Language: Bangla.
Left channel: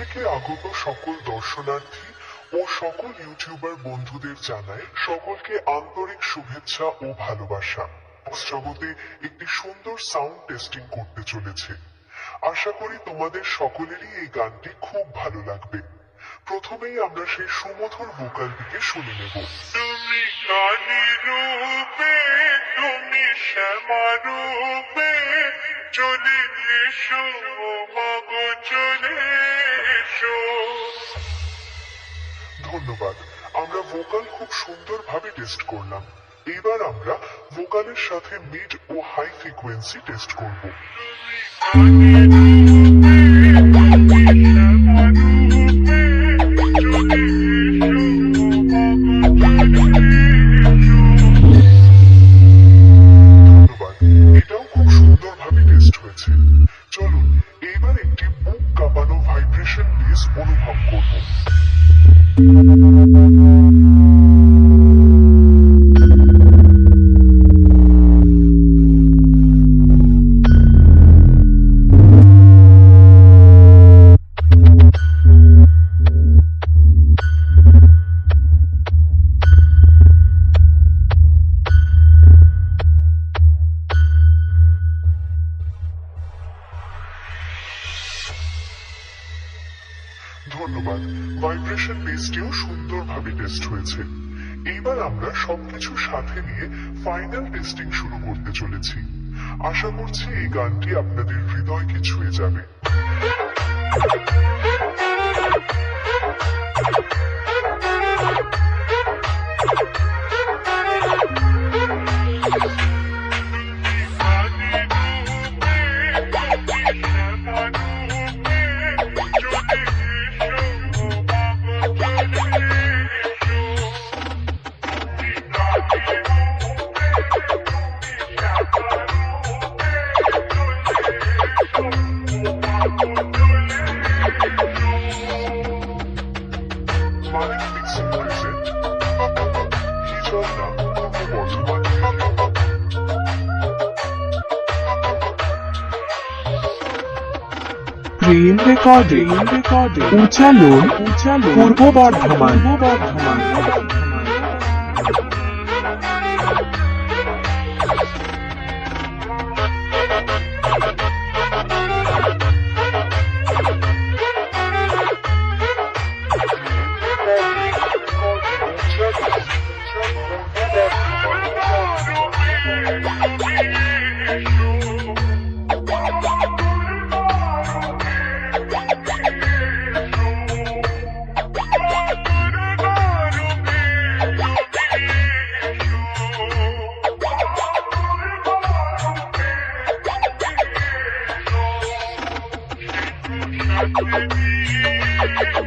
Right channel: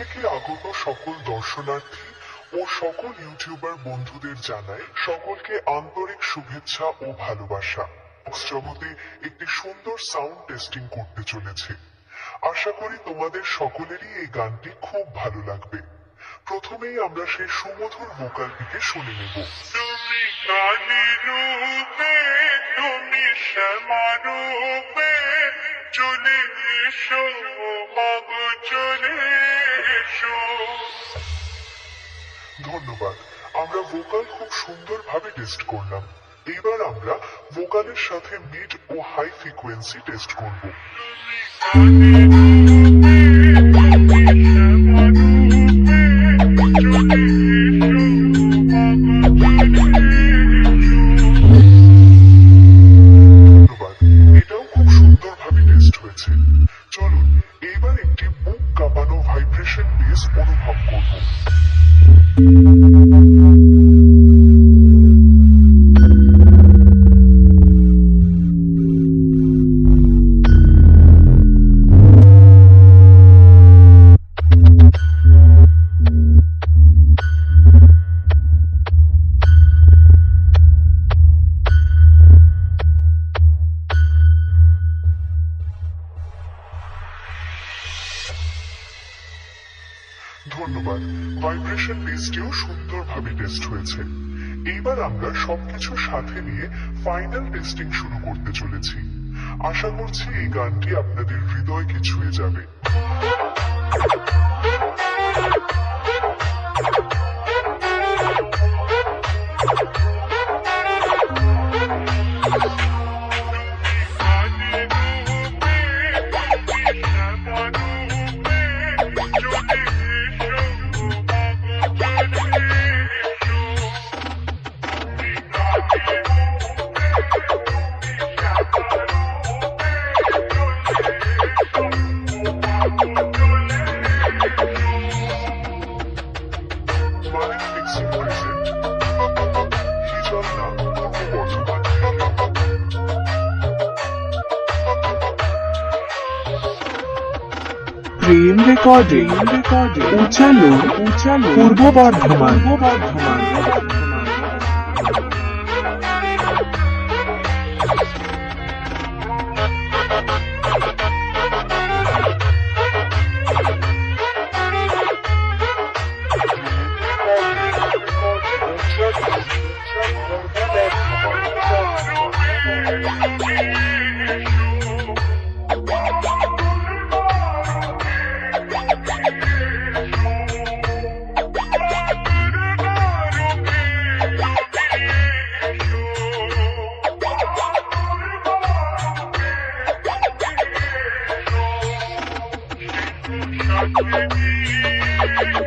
থেকে আগত সকল দর্শনার্থী ও সকল ইউটিউবার বন্ধুদের জানাই সকলকে আন্তরিক শুভেচ্ছা ও ভালোবাসা। শ্রাবতে একটি সুন্দর সাউন্ড টেস্টিং করতে চলেছে। আশা করি তোমাদের সকলেরই এই গানটি খুব ভালো লাগবে। প্রথমেই আমরা সেই সুমধুর ভোকালটিকে শুনে নেব। তুমি কালী রূপে, তুমি শ্যামা রূপে, চলে এসো মাগো চলে এসো। ধন্যবাদ। আমরা ভোকাল খুব সুন্দরভাবে টেস্ট করলাম। এবার আমরা ভোকালের সাথে মিড ও হাই ফ্রিকোয়েন্সি টেস্ট করব। ধন্যবাদ, এটাও খুব সুন্দরভাবে টেস্ট হয়েছে। চলুন এবার একটি বুক কাঁপানো ভাইব্রেশন বেস অনুভব করব। ধন্যবাদ, ভাইব্রেশন বেসটিও সুন্দরভাবে টেস্ট হয়েছে। এইবার আমরা সবকিছু সাথে নিয়ে ফাইনাল টেস্টিং শুরু করতে চলেছি। আশা করছি এই গানটি আপনাদের হৃদয়কে ছুঁয়ে যাবে। প্রেম রেকর্ডিং উচ্চারণ পূর্ব বর্ধমান। Thank you.